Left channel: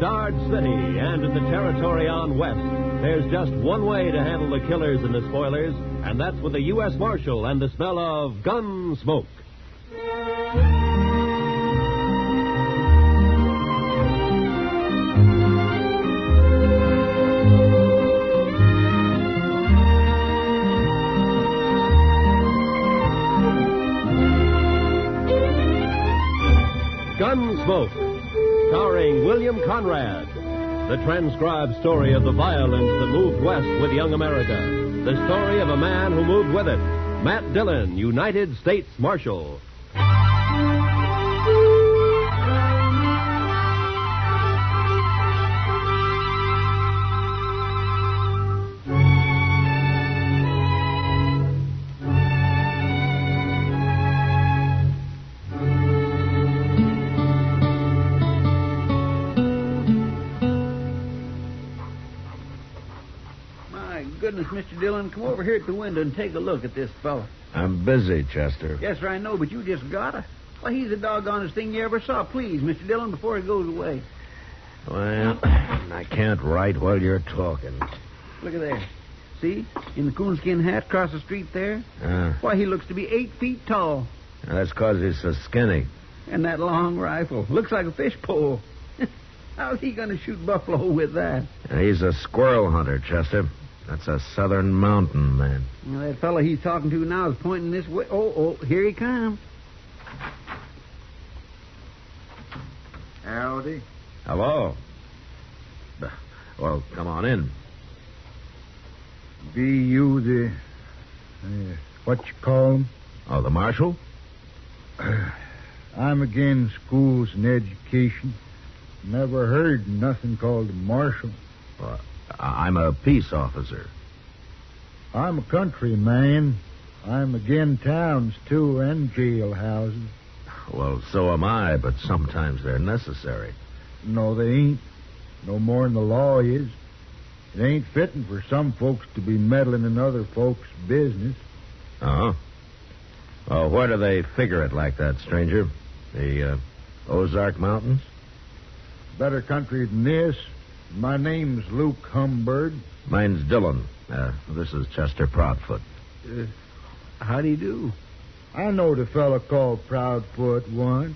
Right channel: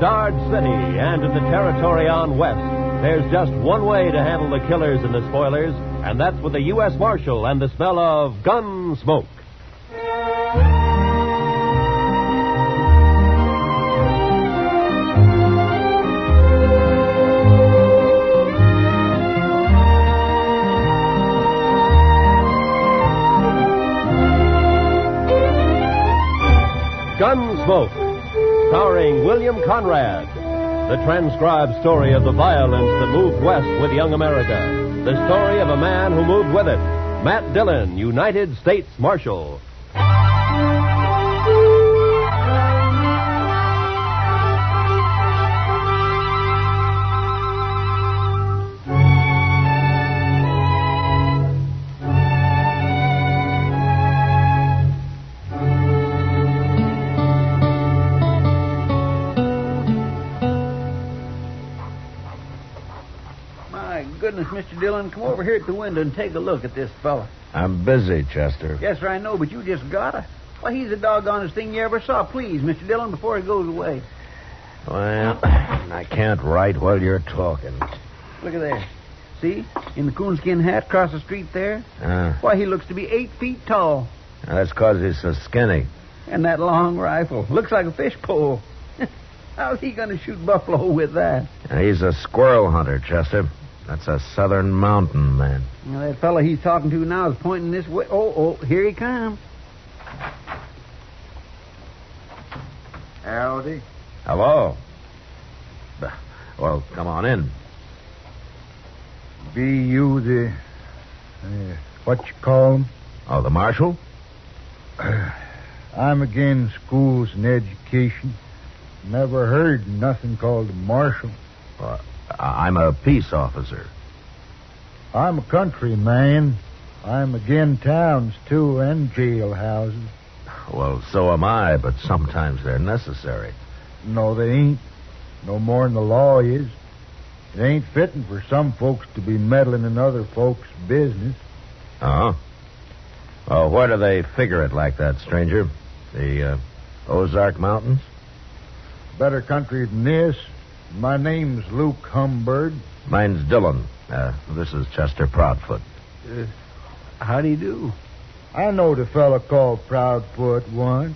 Dodge City and in the territory on west, there's just one way to handle the killers and the spoilers, and that's with the U.S. Marshal and the smell of gun smoke. Gunsmoke, starring William Conrad. The transcribed story of the violence that moved west with young America. The story of a man who moved with it. Matt Dillon, United States Marshal. Goodness, Mr. Dillon, come over here at the window and take a look at this fella. I'm busy, Chester. Yes, sir, I know, but you just gotta. Why, he's the doggonest thing you ever saw. Please, Mr. Dillon, before he goes away. Well, I can't write while you're talking. Look at there. See? In the coonskin hat across the street there? Why, he looks to be 8 feet tall. That's 'cause he's so skinny. And that long rifle. Looks like a fish pole. How's he going to shoot buffalo with that? He's a squirrel hunter, Chester. That's a southern mountain man. Well, that fellow he's talking to now is pointing this way. Oh, here he comes. Howdy. Hello. Well, come on in. Be you the... what you call 'em? Oh, the marshal? I'm against schools and education. Never heard nothing called a marshal. I'm a peace officer. I'm a country man. I'm again towns, too, and jailhouses. Well, so am I, but sometimes they're necessary. No, they ain't. No more than the law is. It ain't fitting for some folks to be meddling in other folks' business. Uh-huh. Oh, where do they figure it like that, stranger? The Ozark Mountains? Better country than this. My name's Luke Humbird. Mine's Dillon. This is Chester Proudfoot. How do you do? I knowed a fella called Proudfoot once.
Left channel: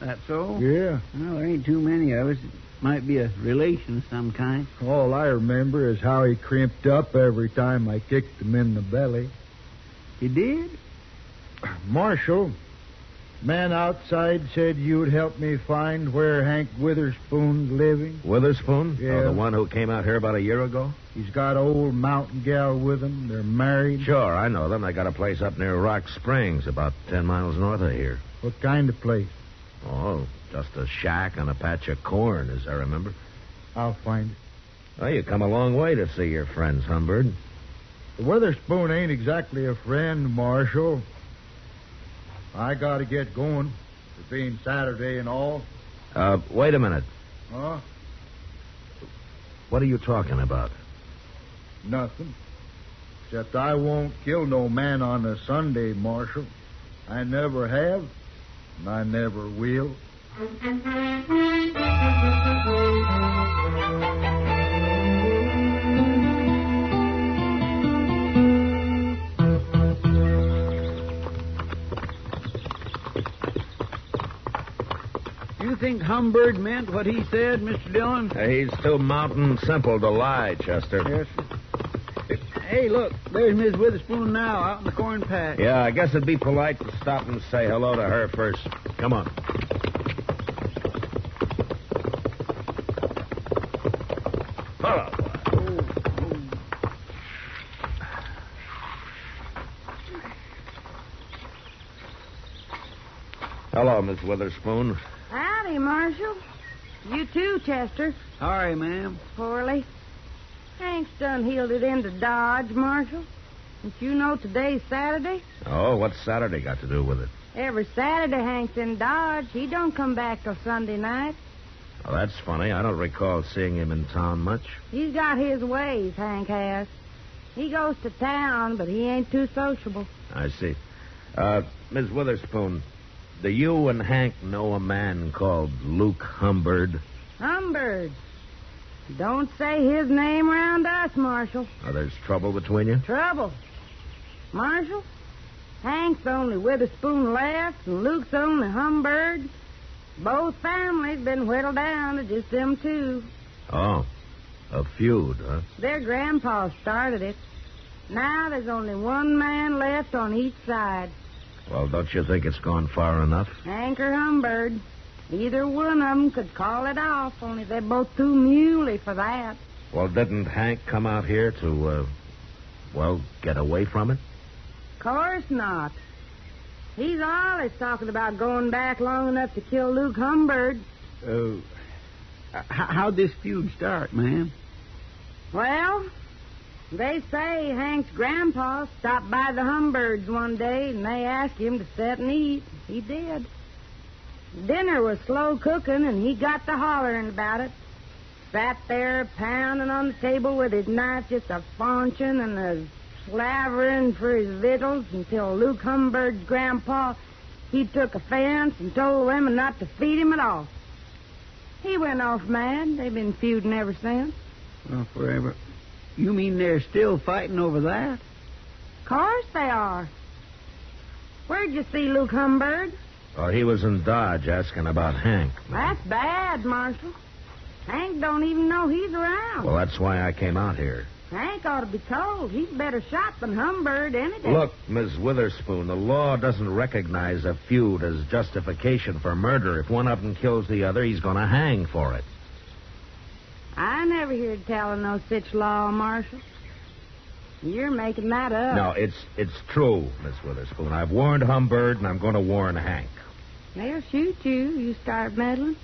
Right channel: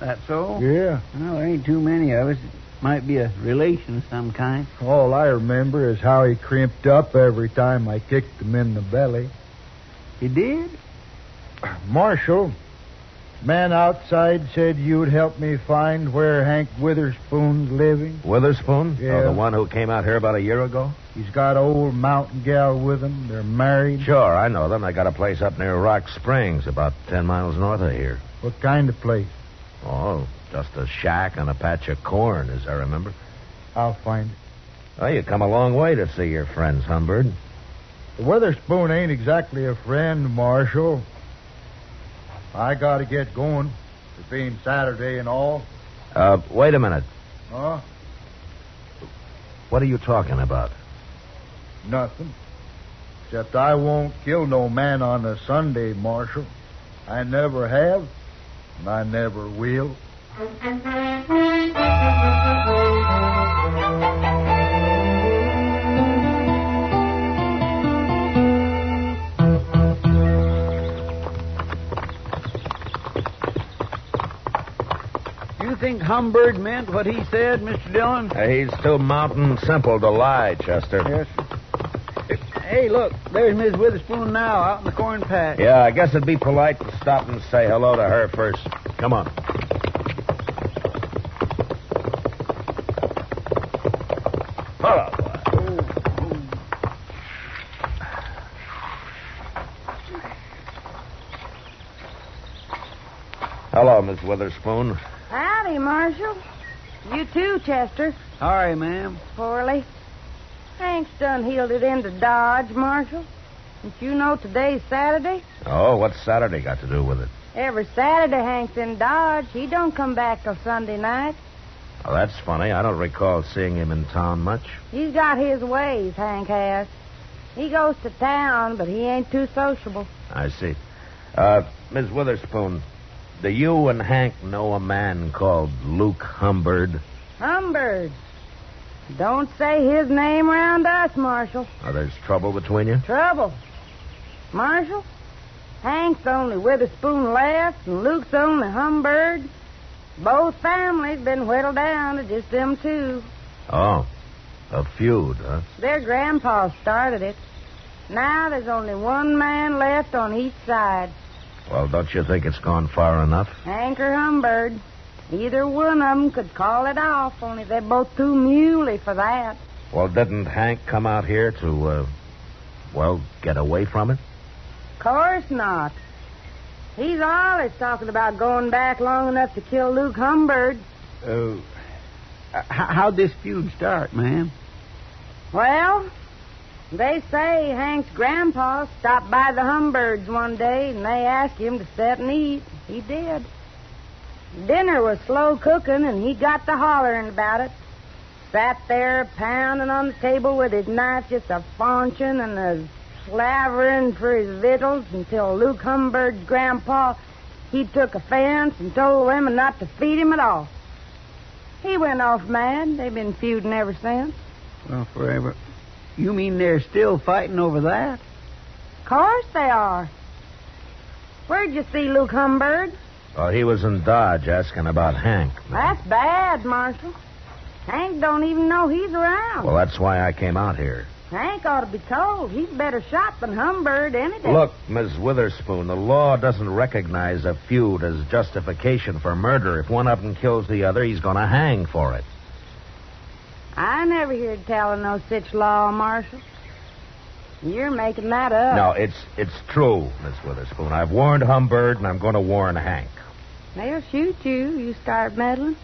That so? Yeah. Well, there ain't too many of us. Might be a relation of some kind. All I remember is how he crimped up every time I kicked him in the belly. He did? Marshal, man outside said you'd help me find where Hank Witherspoon's living. Witherspoon? Yeah. Oh, the one who came out here about a year ago? He's got an old mountain gal with him. They're married. Sure, I know them. They got a place up near Rock Springs, about 10 miles north of here. What kind of place? Oh, just a shack and a patch of corn, as I remember. I'll find it. Well, you come a long way to see your friends, Humbird. The Witherspoon ain't exactly a friend, Marshal. I gotta get going. It being Saturday and all. Wait a minute. Huh? What are you talking about? Nothing. Except I won't kill no man on a Sunday, Marshal. I never have, and I never will. You think Humbird meant what he said, Mr. Dillon? He's too mountain simple to lie, Chester. Yes, sir. Hey, look, there's Miss Witherspoon now, out in the corn patch. Yeah, I guess it'd be polite to stop and say hello to her first. Come on. Hello. Hello, Miss Witherspoon. Howdy, Marshal. You too, Chester. Sorry, ma'am. Poorly. Hank's done heeled it into Dodge, Marshal. Don't you know today's Saturday? Oh, what's Saturday got to do with it? Every Saturday Hank's in Dodge. He don't come back till Sunday night. Oh, that's funny. I don't recall seeing him in town much. He's got his ways, Hank has. He goes to town, but he ain't too sociable. I see. Miss Witherspoon, do you and Hank know a man called Luke Humbird? Humbird. Don't say his name around us, Marshal. Oh, there's trouble between you? Trouble. Marshal, Hank's the only Witherspoon left, and Luke's the only Humbird. Both families been whittled down to just them two. Oh, a feud, huh? Their grandpa started it. Now there's only one man left on each side. Well, don't you think it's gone far enough? Hank or Humbird. Either one of them could call it off, only they're both too muley for that. Well, didn't Hank come out here to, get away from it? Course not. He's always talking about going back long enough to kill Luke Humbird. How'd this feud start, ma'am? Well, they say Hank's grandpa stopped by the Humbirds one day, and they asked him to sit and eat. He did. Dinner was slow cooking, and he got to hollering about it. Sat there pounding on the table with his knife just a-faunching and slavering for his victuals until Luke Humbird's grandpa, he took offense and told the women not to feed him at all. He went off mad. They've been feuding ever since. Well, forever. You mean they're still fighting over that? Course they are. Where'd you see Luke Humbird? Oh, he was in Dodge asking about Hank. That's bad, Marshal. Hank don't even know he's around. Well, that's why I came out here. Hank ought to be told. He's better shot than Humbird any day. Look, Miss Witherspoon, the law doesn't recognize a feud as justification for murder. If one of them kills the other, he's going to hang for it. I never heard tell of no such law, Marshal. You're making that up. No, it's true, Miss Witherspoon. I've warned Humbird, and I'm going to warn Hank. They'll shoot you. You start meddling.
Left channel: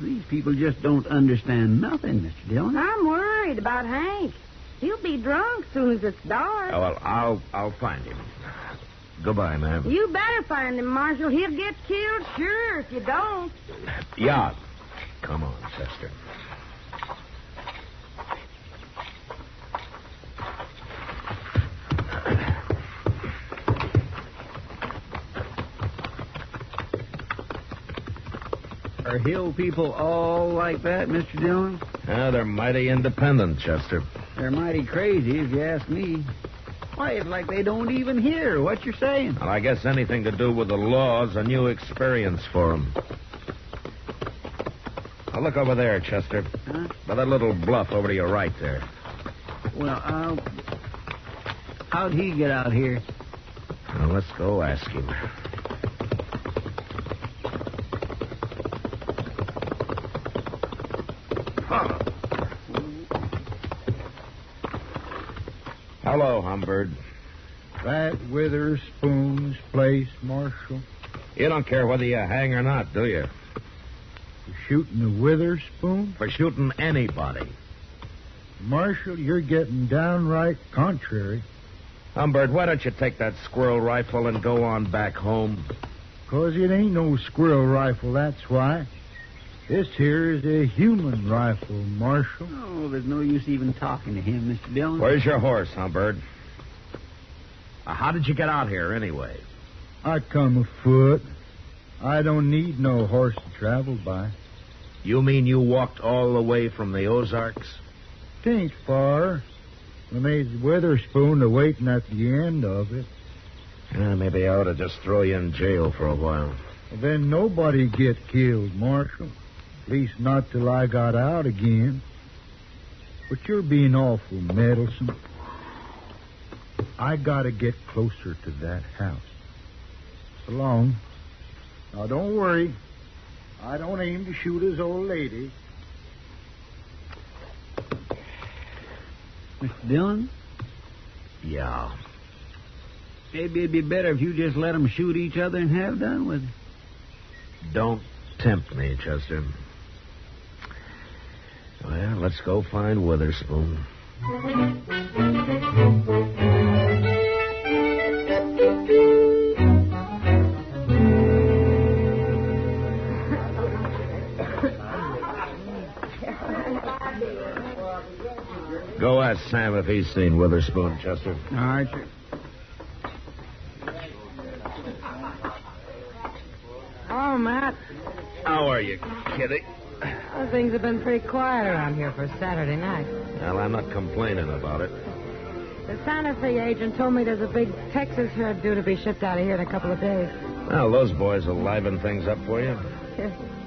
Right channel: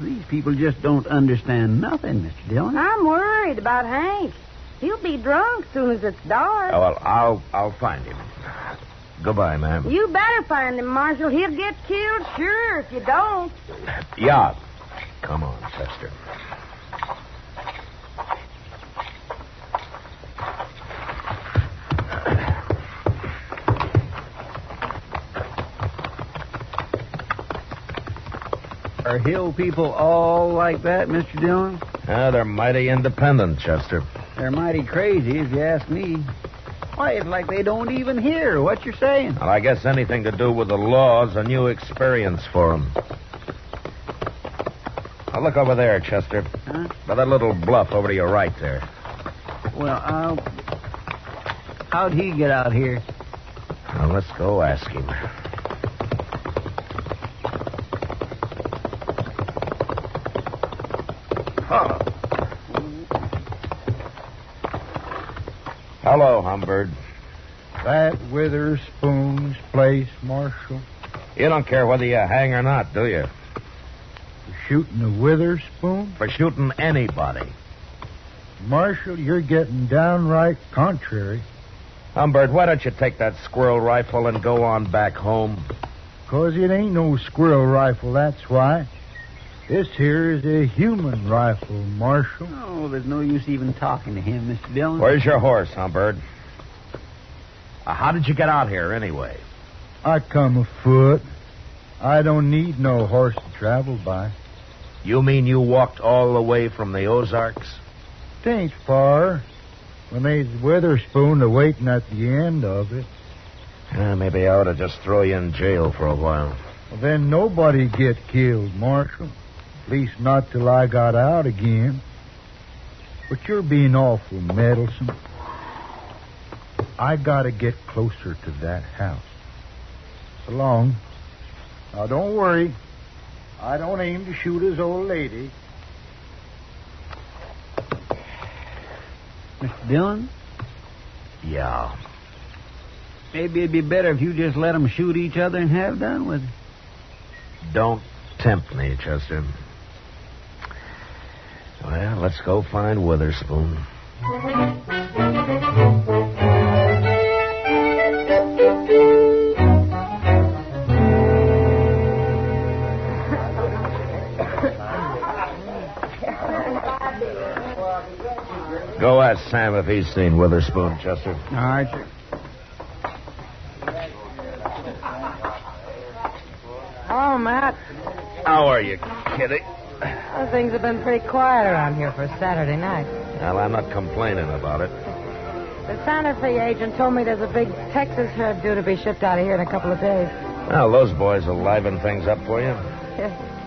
These people just don't understand nothing, Mr. Dillon. I'm worried about Hank. He'll be drunk soon as it's dark. Oh, well, I'll find him. Goodbye, ma'am. You better find him, Marshal. He'll get killed, sure, if you don't. Yeah. Come on, Chester. Are hill people all like that, Mr. Dillon? They're mighty independent, Chester. They're mighty crazy, if you ask me. Why, it's like they don't even hear what you're saying. Well, I guess anything to do with the law is a new experience for them. Now, look over there, Chester. Huh? By that little bluff over to your right there. Well, how'd he get out here? Well, let's go ask him. Oh. Hello, Humbird. That Witherspoon's place, Marshal? You don't care whether you hang or not, do you? For shooting the Witherspoon? For shooting anybody. Marshal, you're getting downright contrary. Humbird, why don't you take that squirrel rifle and go on back home? 'Cause it ain't no squirrel rifle, that's why. This here is a human rifle, Marshal. Oh, there's no use even talking to him, Mr. Dillon. Where's your horse, Humbird? How did you get out here, anyway? I come afoot. I don't need no horse to travel by. You mean you walked all the way from the Ozarks? 'Tain't far. When they's Witherspoon a-waiting at the end of it. Maybe I ought to just throw you in jail for a while. Well, then nobody get killed, Marshal. At least not till I got out again. But you're being awful meddlesome. I gotta get closer to that house. So long. Now, don't worry. I don't aim to shoot his old lady. Mr. Dillon? Yeah. Maybe it'd be better if you just let them shoot each other and have done with it. Don't tempt me, Chester. Well, let's go find Witherspoon. Go ask Sam if he's seen Witherspoon, Chester. All right, sir. Oh, Matt. How are you, Kitty? Well, things have been pretty quiet around here for Saturday night. Well, I'm not complaining about it. The Santa Fe agent told me there's a big Texas herd due to be shipped out of here in a couple of days. Well, those boys will liven things up for you.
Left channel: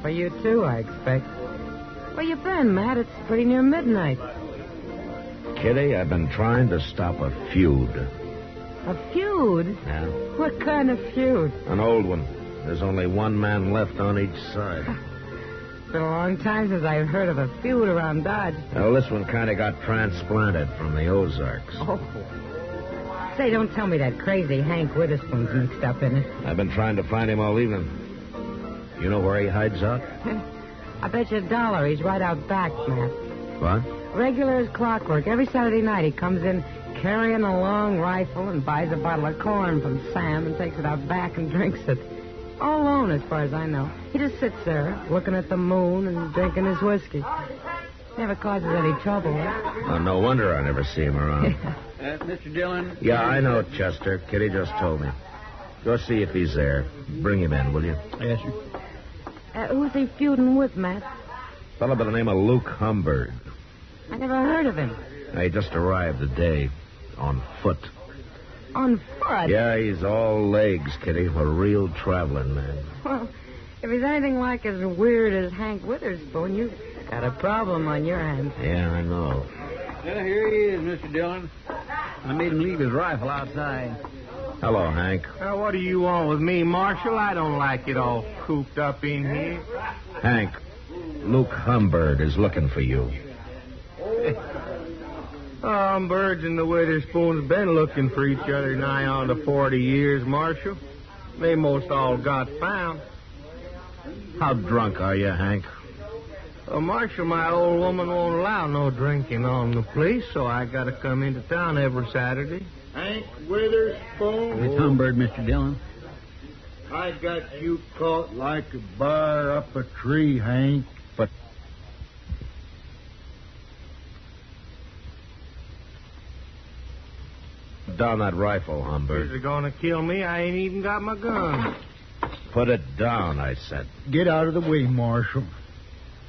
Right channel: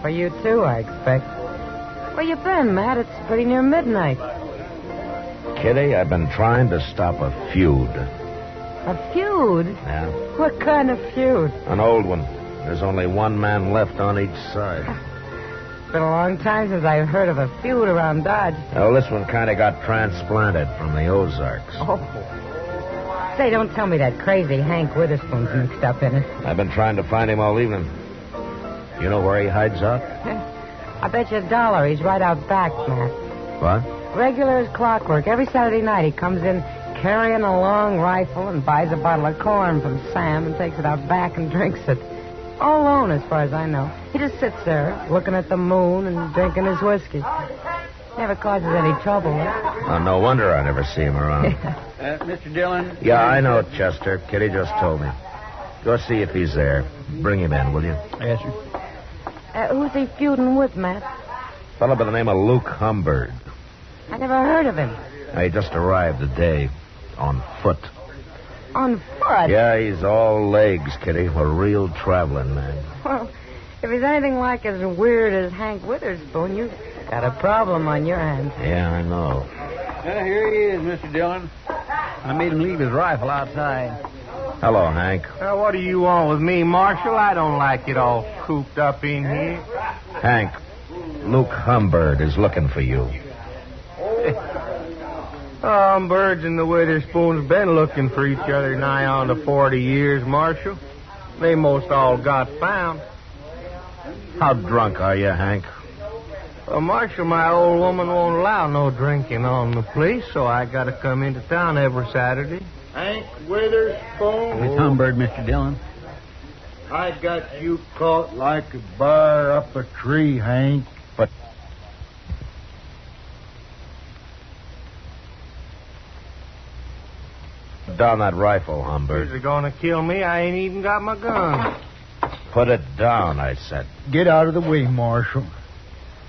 For you, too, I expect. Where you been, Matt? It's pretty near midnight. Kitty, I've been trying to stop a feud. A feud? Yeah? What kind of feud? An old one. There's only one man left on each side. It's been a long time since I've heard of a feud around Dodge. Well, this one kind of got transplanted from the Ozarks. Oh. Say, don't tell me that crazy Hank Witherspoon's mixed up in it. I've been trying to find him all evening. You know where he hides out? I bet you $1 he's right out back, Matt. What? Regular as clockwork. Every Saturday night he comes in carrying a long rifle and buys a bottle of corn from Sam and takes it out back and drinks it. All alone, as far as I know. He just sits there, looking at the moon and drinking his whiskey. Never causes any trouble. Oh, no wonder I never see him around. Mr. Dillon? Yeah, I know, Chester. Kitty just told me. Go see if he's there. Bring him in, will you? Yes, sir. Who's he feuding with, Matt? A fellow by the name of Luke Humbird. I never heard of him. He just arrived today on foot. On foot? Yeah, he's all legs, Kitty. A real traveling man. Well, if he's anything like as weird as Hank Witherspoon, you've got a problem on your hands. Yeah, I know. Well, here he is, Mr. Dillon. I made him leave his rifle outside. Hello, Hank. What do you want with me, Marshal? I don't like it all cooped up in here. Hank, Luke Humbird is looking for you. Birds and the Witherspoons been looking for each other nigh on to 40 years, Marshal. They most all got found. How drunk are you, Hank? Marshal, my old woman won't allow no drinking on the place, so I got to come into town every Saturday. Hank Witherspoon. It's Humbird, Mr. Dillon. I got you caught like a bear up a tree, Hank. But down that rifle, Humbird. If they're going to kill me, I ain't even got my gun. Put it down, I said. Get out of the way, Marshal.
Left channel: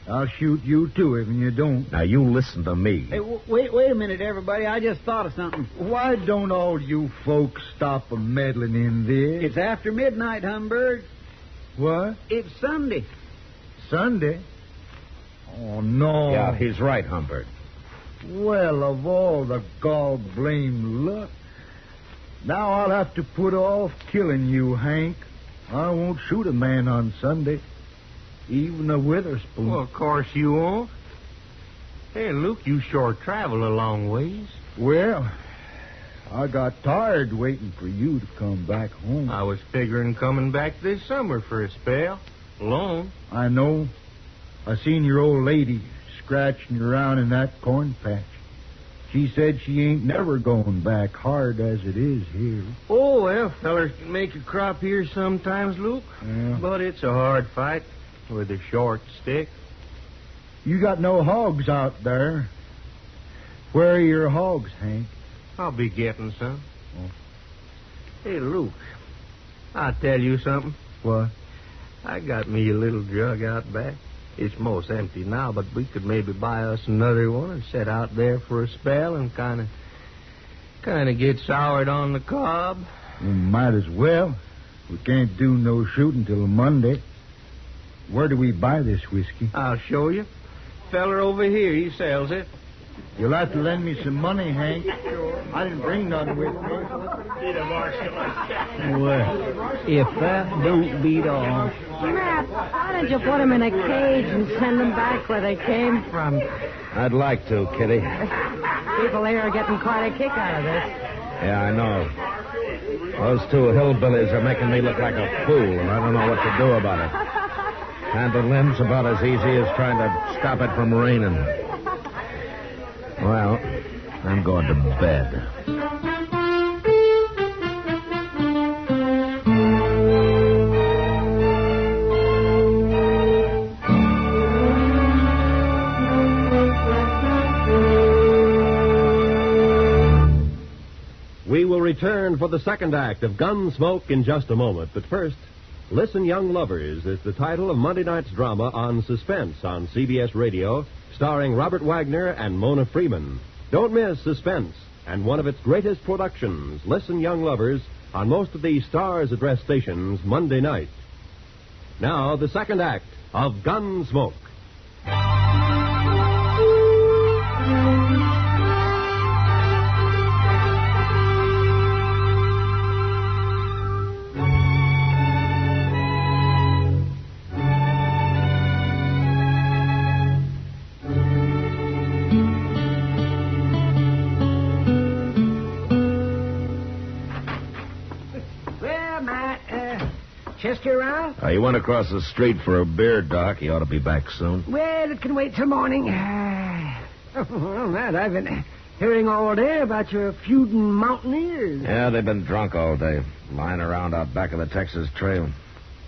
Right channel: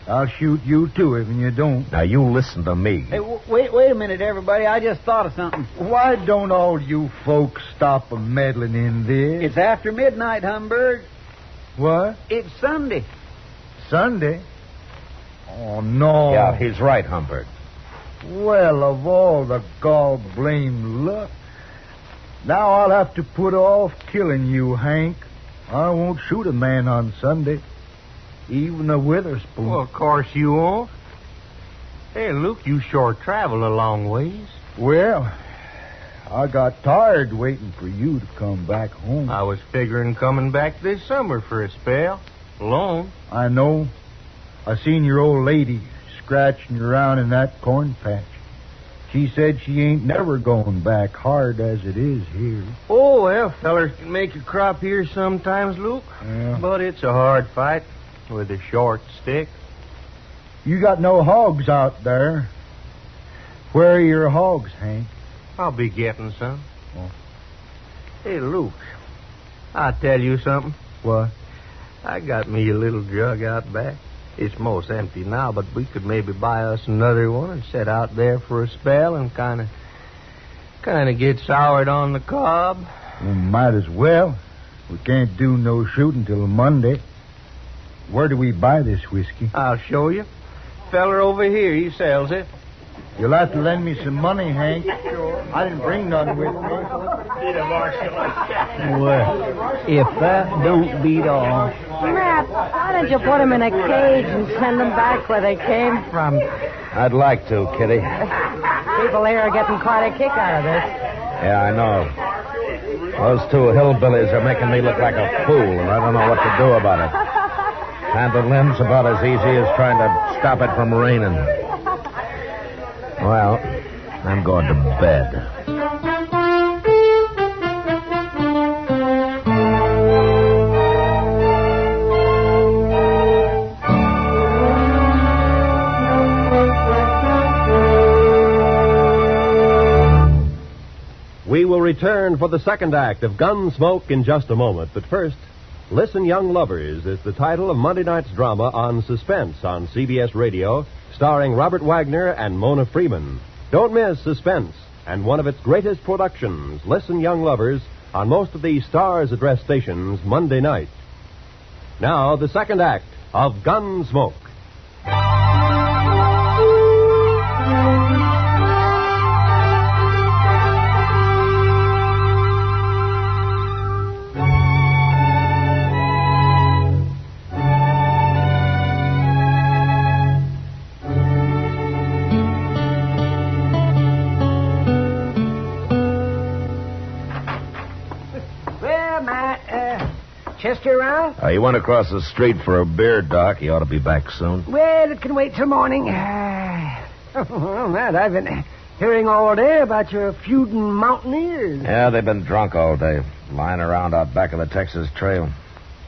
I'll shoot you, too, if you don't. Now, you listen to me. Hey, wait a minute, everybody. I just thought of something. Why don't all you folks stop meddling in this? It's after midnight, Humbird. What? It's Sunday. Sunday? Oh, no. Yeah, he's right, Humbird. Well, of all the gall-blame luck. Now I'll have to put off killing you, Hank. I won't shoot a man on Sunday. Even a Witherspoon. Well, of course you won't. Hey, Luke, you sure travel a long ways. Well, I got tired waiting for you to come back home. I was figuring coming back this summer for a spell. Alone. I know. I seen your old lady scratching around in that corn patch. She said she ain't never going back, hard as it is here. Oh, well, fellers can make a crop here sometimes, Luke. Yeah. But it's a hard fight with a short stick. You got no hogs out there. Where are your hogs, Hank? I'll be getting some. Oh. Hey, Luke, I'll tell you something. What? I got me a little jug out back. It's most empty now, but we could maybe buy us another one and set out there for a spell and kind of get soured on the cob. Well, might as well. We can't do no shooting till Monday. Where do we buy this whiskey? I'll show you. Feller over here, he sells it. You'll have to lend me some money, Hank. Sure. I didn't bring none with me. Well, if that don't beat all. Matt, why don't you put them in a cage and send them back where they came from? I'd like to, Kitty. People here are getting quite a kick out of this. Yeah, I know. Those two hillbillies are making me look like a fool, and I don't know what to do about it. Handling's about as easy as trying to stop it from raining. Well, I'm going to bed. We will return for the second act of Gunsmoke in just a moment. But first, Listen, Young Lovers is the title of Monday night's drama on Suspense on CBS Radio, starring Robert Wagner and Mona Freeman. Don't miss Suspense and one of its greatest productions, Listen, Young Lovers, on most of the Stars Address stations Monday night. Now, the second act of Gunsmoke. Chester around? You went across the street for a beer, Doc. He ought to be back soon. Well, it can wait till morning. Well, Matt, I've been hearing all day about your feuding mountaineers. Yeah, they've been drunk all day, lying around out back of the Texas Trail.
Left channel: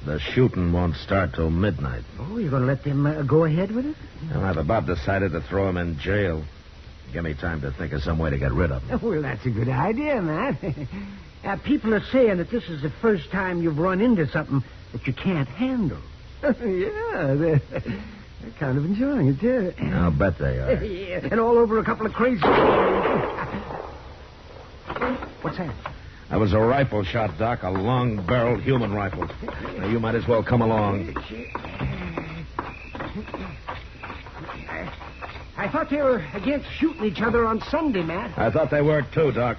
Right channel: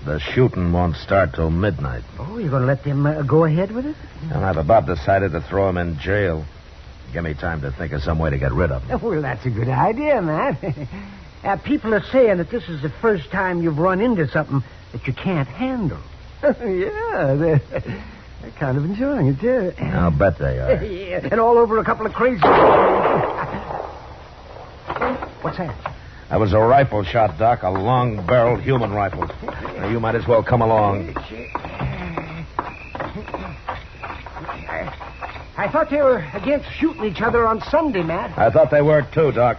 The shooting won't start till midnight. Oh, you're going to let them go ahead with it? And I've about decided to throw him in jail. Give me time to think of some way to get rid of him. Well, that's a good idea, Matt. People are saying that this is the first time you've run into something that you can't handle. Yeah, they're kind of enjoying it, too. I'll bet they are. Yeah, and all over a couple of crazy... What's that? That was a rifle shot, Doc, a long-barreled human rifle. Now, you might as well come along. I thought they were against shooting each other on Sunday, Matt. I thought they were, too, Doc.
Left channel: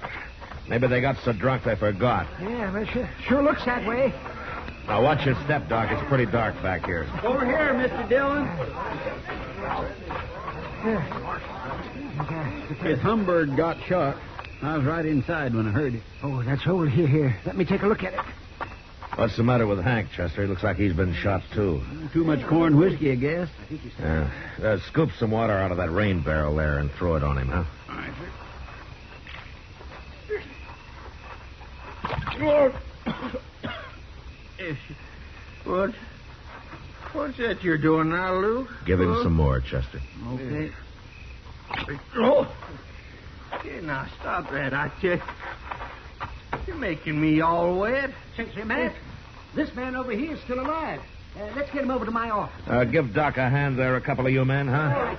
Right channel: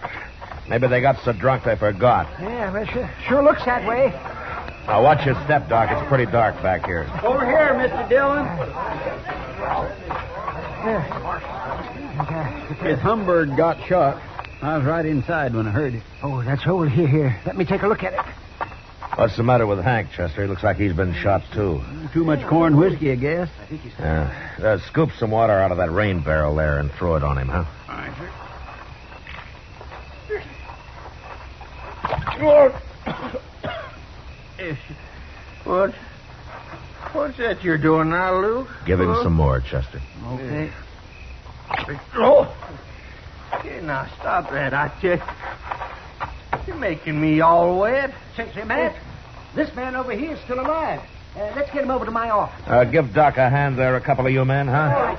Maybe they got so drunk they forgot. Yeah, well, sure looks that way. Now, watch your step, Doc. It's pretty dark back here. Over here, Mr. Dillon. Miss Humbird got shot. I was right inside when I heard it. Oh, that's over here. Let me take a look at it. What's the matter with Hank, Chester? He looks like he's been shot, too. Too much corn whiskey, I guess. Scoop some water out of that rain barrel there and throw it on him, huh? All right, sir. What's that you're doing now, Luke? Give him some more, Chester. Okay. Oh! Okay, now stop that. You're making me all wet. Say, Matt, this man over here is still alive. Let's get him over to my office. Give Doc a hand there, a couple of you men, huh?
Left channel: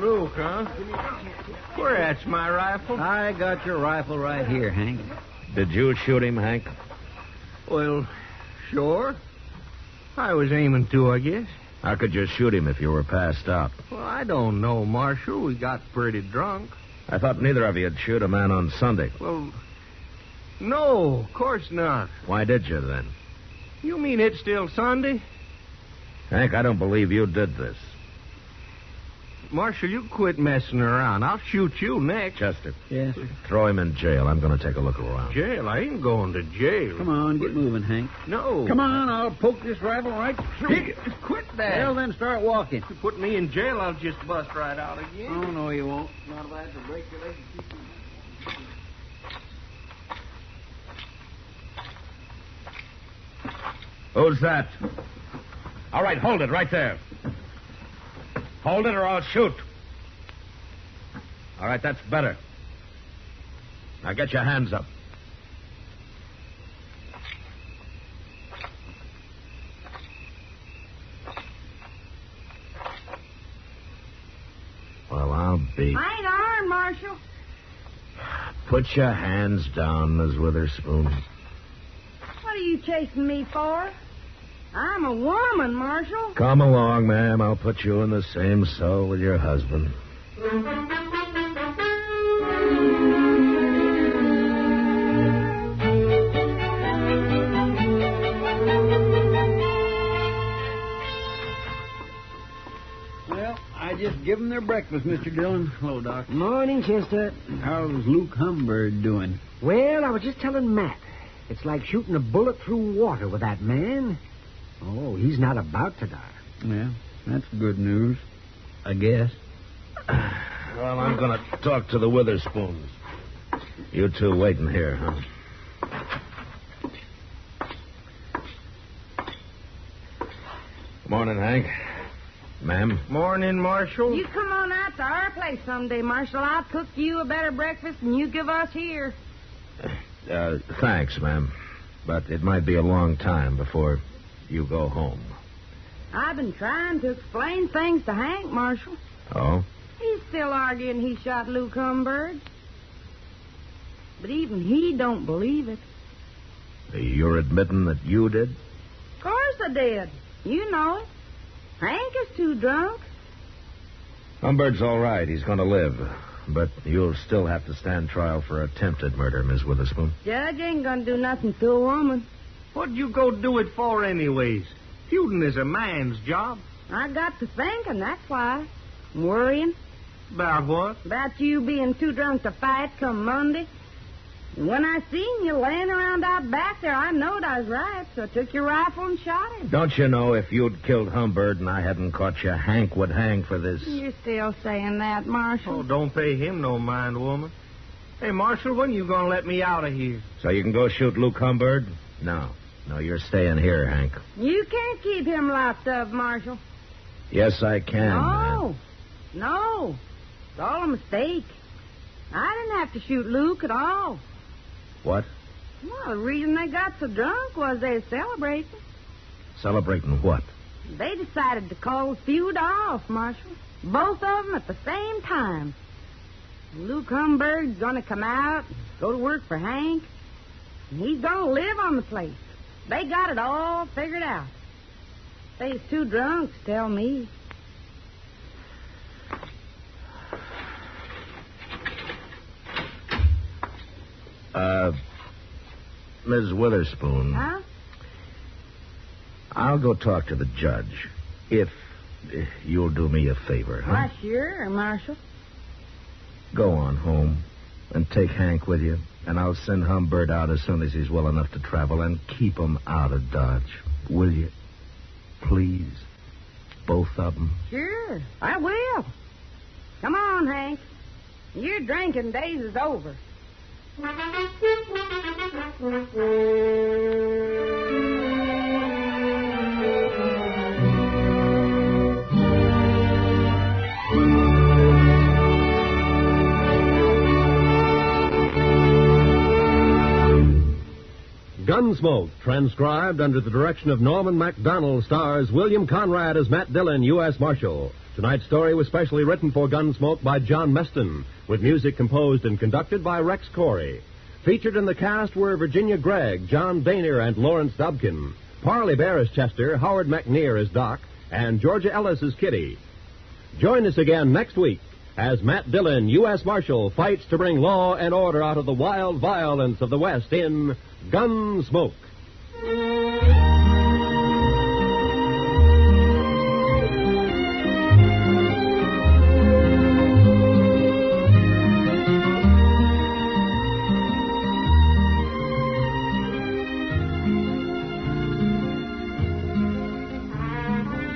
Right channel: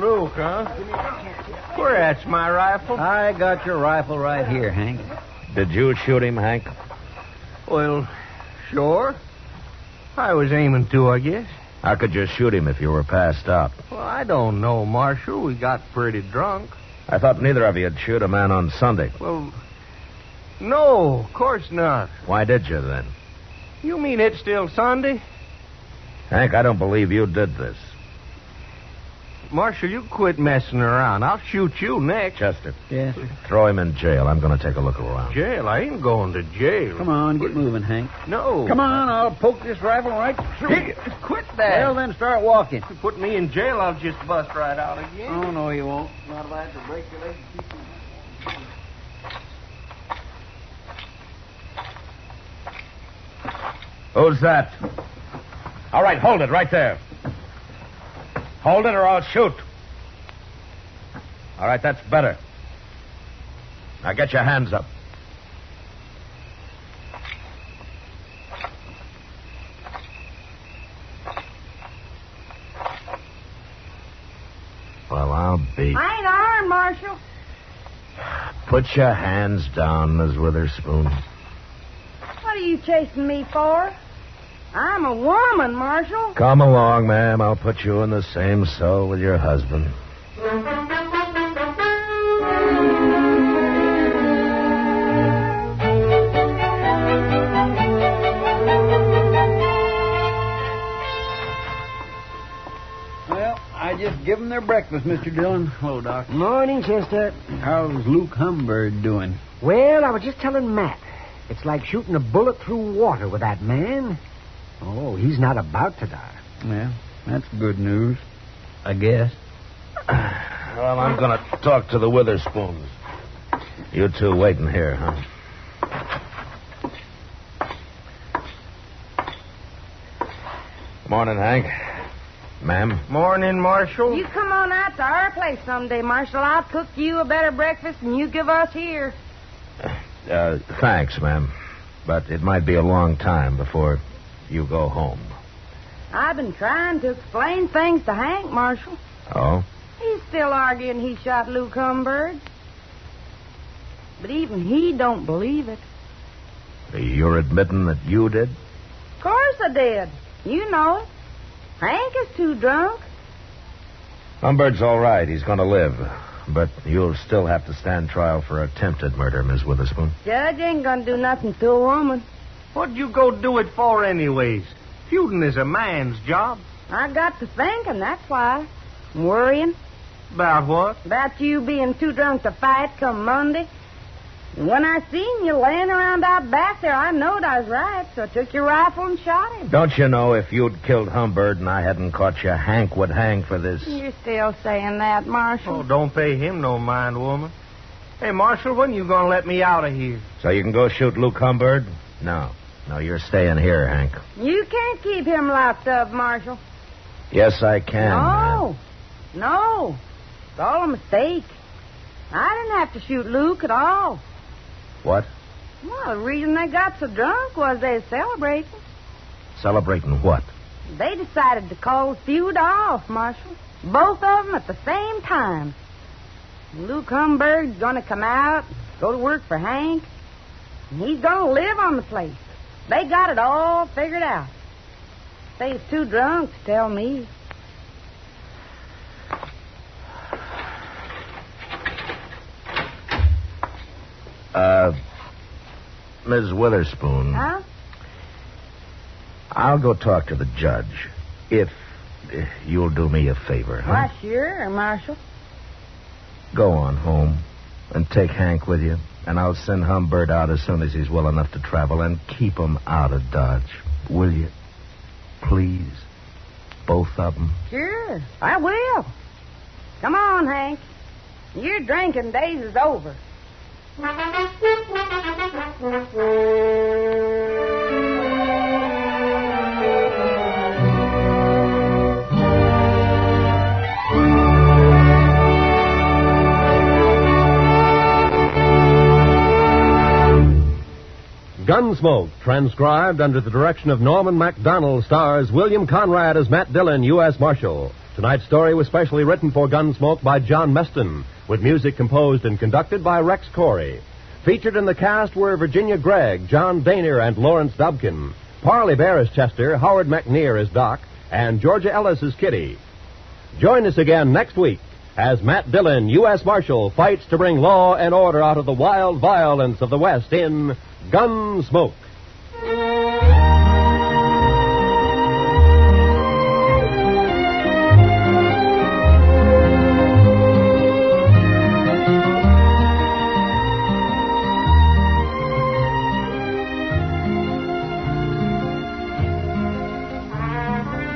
Luke, huh? Where that's my rifle? I got your rifle right here, Hank. Did you shoot him, Hank? Well, sure. I was aiming to, I guess. How could you shoot him if you were passed out? Well, I don't know, Marshal. We got pretty drunk. I thought neither of you'd shoot a man on Sunday. Well, no, of course not. Why did you, then? You mean it's still Sunday? Hank, I don't believe you did this. Marshal, you quit messing around. I'll shoot you next. Chester. Yes, sir. Throw him in jail. I'm going to take a look around. Jail? I ain't going to jail. Come on, get moving, Hank. No. Come on, I'll poke this rifle right through you. Quit that. Well, then start walking. If you put me in jail, I'll just bust right out again. Oh, no, you won't. Not if I have to break your leg to keep you. Who's that? All right, hold it right there. Hold it or I'll shoot. All right, that's better. Now get your hands up. Well, I'll be... I ain't armed, Marshal. Put your hands down, Miss Witherspoon. What are you chasing me for? I'm a woman, Marshal. Come along, ma'am. I'll put you in the same cell with your husband. Well, I just give them their breakfast, Mr. Dillon. Hello, Doc. Morning, Chester. How's Luke Humbird doing? Well, I was just telling Matt. It's like shooting a bullet through water with that man. Oh, he's not about to die. Yeah, that's good news, I guess. Well, I'm going to talk to the Witherspoons. You two waiting here, huh? Morning, Hank. Ma'am? Morning, Marshal. You come on out to our place someday, Marshal. I'll cook you a better breakfast than you give us here. Thanks, ma'am. But it might be a long time before you go home. I've been trying to explain things to Hank, Marshal. Oh? He's still arguing he shot Luke Humbird. But even he don't believe it. You're admitting that you did? Of course I did. You know it. Hank is too drunk. Humbird's all right. He's going to live. But you'll still have to stand trial for attempted murder, Miss Witherspoon. Judge ain't gonna do nothing to a woman. What'd you go do it for anyways? Feuding is a man's job. I got to thinking, that's why. Worrying About what? about you being too drunk to fight come Monday. And when I seen you laying around out back there, I knowed I was right, so I took your rifle and shot him. Don't you know if you'd killed Humbird and I hadn't caught you, Hank would hang for this? You're still saying that, Marshal. Oh, don't pay him no mind, woman. Hey, Marshal, when you gonna let me out of here? So you can go shoot Luke Humbird? No, you're staying here, Hank. You can't keep him locked up, Marshal. Yes, I can. No. It's all a mistake. I didn't have to shoot Luke at all. What? Well, the reason they got so drunk was they were celebrating. Celebrating what? They decided to call the feud off, Marshal. Both of them at the same time. Luke Humbird's going to come out, go to work for Hank, and he's going to live on the place. They got it all figured out. They was too drunk to tell me. Ms. Witherspoon. Huh? I'll go talk to the judge. If you'll do me a favor, huh? Why, sure, Marshal. Go on home and take Hank with you, and I'll send Humbird out as soon as he's well enough to travel, and keep him out of Dodge. Will you? Please? Both of them? Sure, I will. Come on, Hank. Your drinking days is over. Gunsmoke, transcribed under the direction of Norman MacDonald, stars William Conrad as Matt Dillon, U.S. Marshal. Tonight's story was specially written for Gunsmoke by John Meston, with music composed and conducted by Rex Corey. Featured in the cast were Virginia Gregg, John Daner, and Lawrence Dobkin. Parley Bear as Chester, Howard McNear as Doc, and Georgia Ellis as Kitty. Join us again next week as Matt Dillon, U.S. Marshal, fights to bring law and order out of the wild violence of the West in Gunsmoke.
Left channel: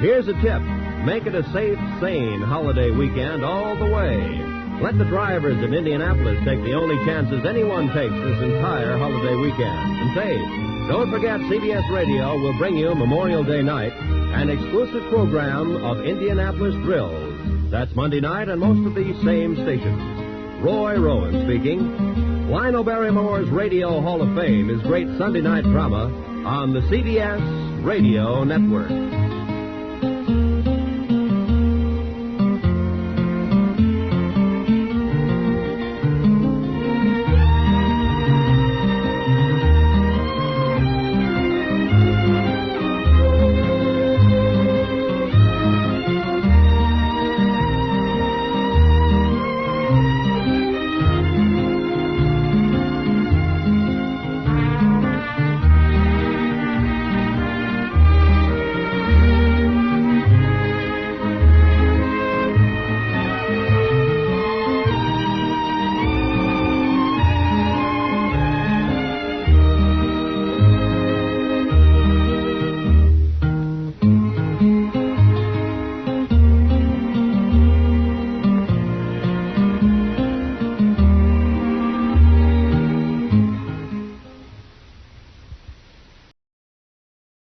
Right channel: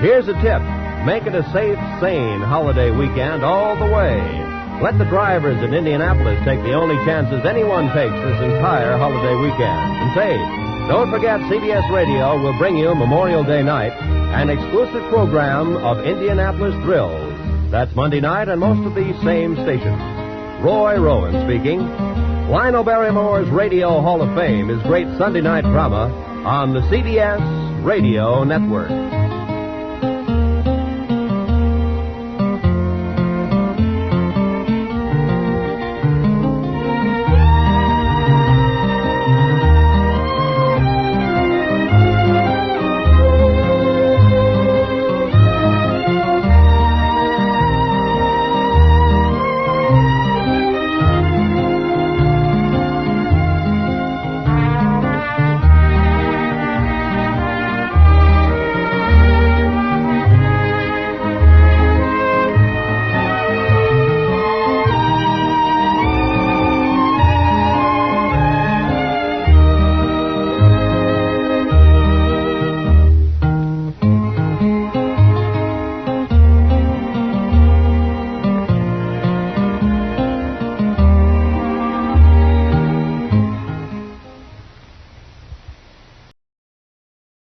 Here's a tip. Make it a safe, sane holiday weekend all the way. Let the drivers in Indianapolis take the only chances anyone takes this entire holiday weekend. And say, don't forget CBS Radio will bring you Memorial Day night, an exclusive program of Indianapolis thrills. That's Monday night on most of these same stations. Roy Rowan speaking. Lionel Barrymore's Radio Hall of Fame is great Sunday night drama on the CBS Radio Network.